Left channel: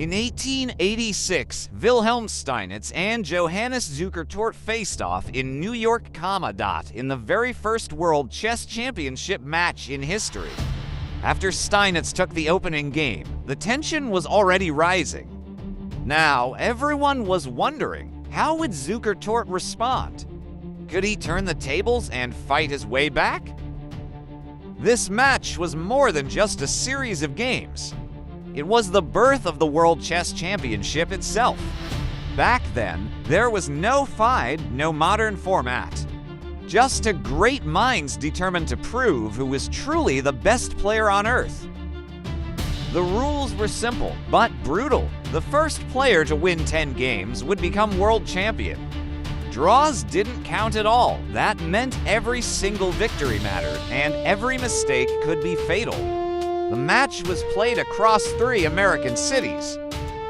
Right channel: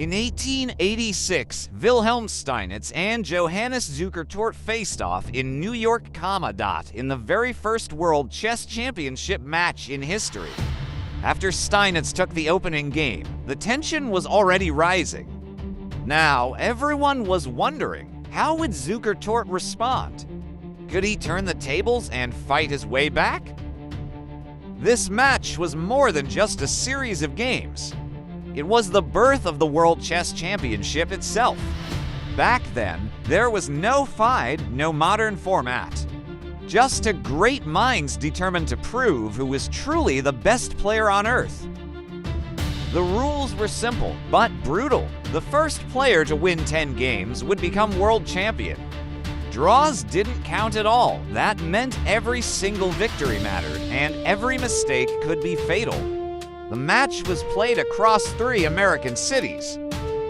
In 1886, Wilhelm Steinitz and Johannes Zukertort faced off in New York, in the very first World Chess Championship match in history. After Steinitz took the opening game, the tension was already rising. Now, everyone was wondering, how would Zukertort respond? Could he turn the tables and fight his way back? This match was more than just a series of games. It was the birth of the World Chess Championship itself. Back then, there was no FIDE, no modern format. Just two great minds determined to prove who was truly the best player on Earth. The rules were simple, but brutal. The first player to win 10 games would become world champion. Draws didn't count at all. That meant every single victory mattered, and every mistake could be fatal. The match was played across 3 American cities,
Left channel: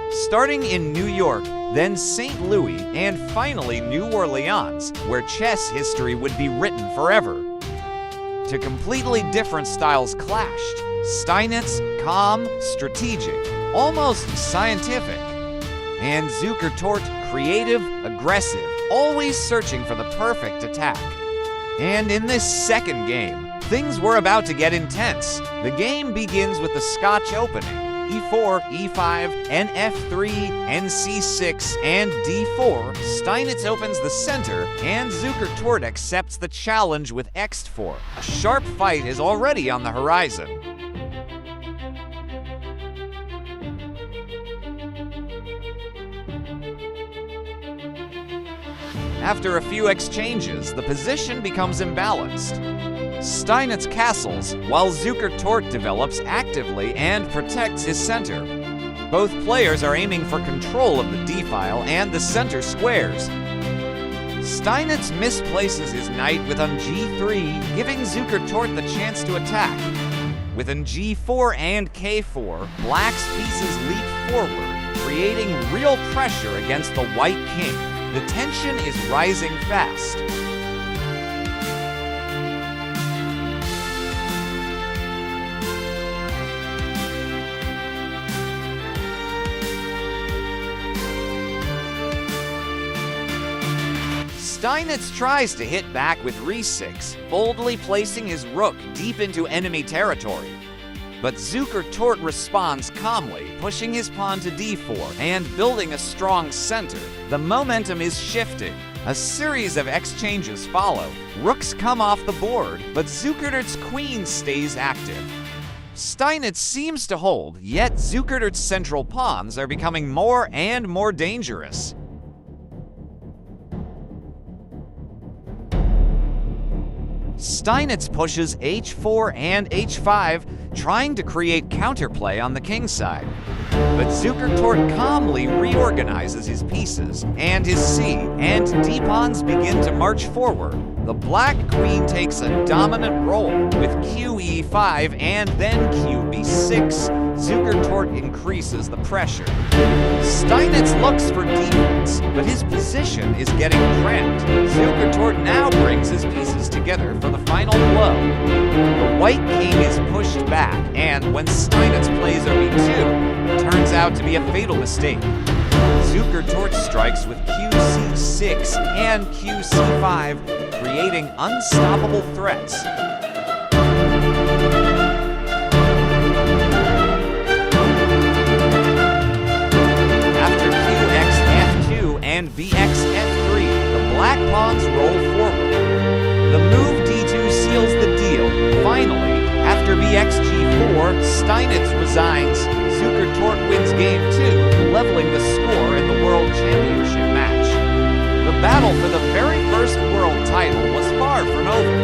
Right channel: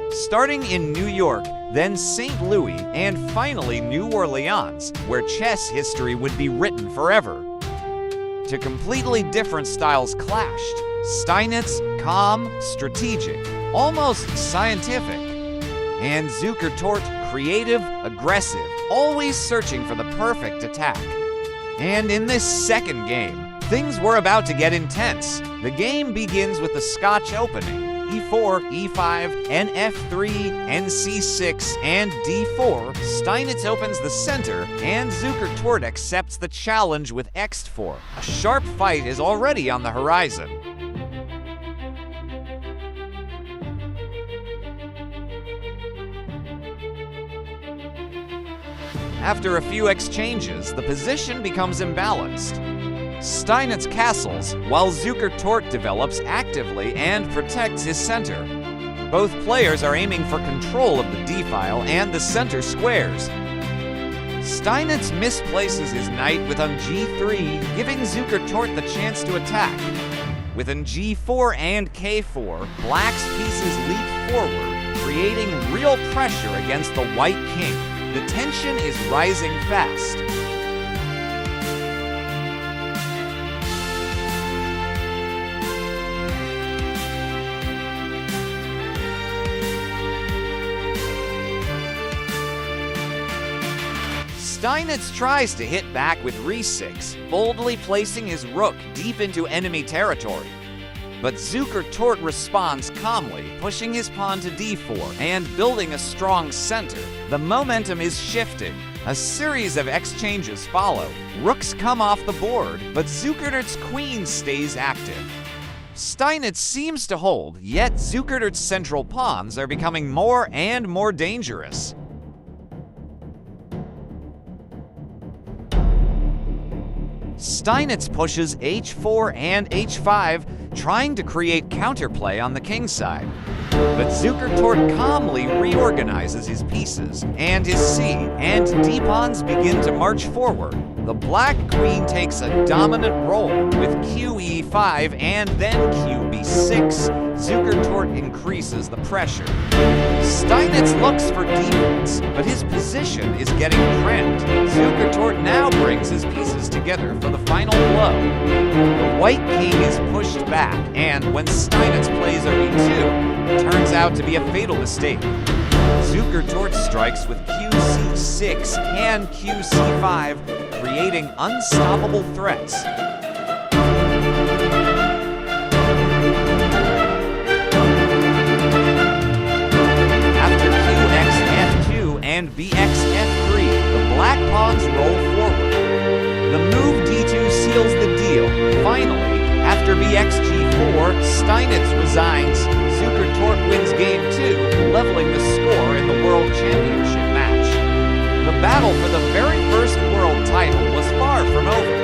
starting in New York, then St. Louis, and finally New Orleans, where chess history would be written forever. Two completely different styles clashed. Steinitz, calm, strategic, almost scientific. And Zukertort, creative, aggressive, always searching for the perfect attack. And in this second game, things were about to get intense. The game begins with the Scotch opening. E4, E5, NF3, NC6, and D4, Steinitz opens the center, and Zukertort accepts the challenge with X4. A sharp fight is already on the horizon. After a few exchanges, the position becomes imbalanced. Steinitz castles, while Zukertort develops actively and protects his center. Both players are aiming for control of the d-file and the center squares. Steinitz misplaces his knight with on g3, giving Zukertort the chance to attack. With on g4 and k4, black's pieces leap forward, creating real pressure against the white king. The tension is rising fast. Steinitz tries to hit back with re6, boldly placing his rook deep into enemy territory. But Zukertort responds calmly, pushing his pawn to d4 and building a strong center. The momentum is shifting. A series of exchanges follow. Rooks come off the board, but Zukertort's queen stays active. Steinitz seems to hold, yet Zukertort's central pawns are becoming more and more dangerous. Steinitz pushes h4 and h5, trying to create counterplay on the king side. But Zukertort calmly reorganizes his pieces, and his c and d pawns begin to march forward. The black queen takes a dominant role with qe5 and then qb6. Zukertort increases the pressure. Steinitz looks for defense, but his position is getting cramped. Zukertort now brings his pieces together for the final blow. The white king is pushed back, and when Steinitz plays rb2, it turns out to be a fatal mistake. Zukertort strikes with qc6 and qc5, creating unstoppable threats. After qx f2 and bx f3, the black pawns roll forward. The move d2 seals the deal. Finally, after bx g4, Steinitz resigns. Zukertort wins game 2, leveling the score in the World Championship match. The battle for the very first world title was far from over.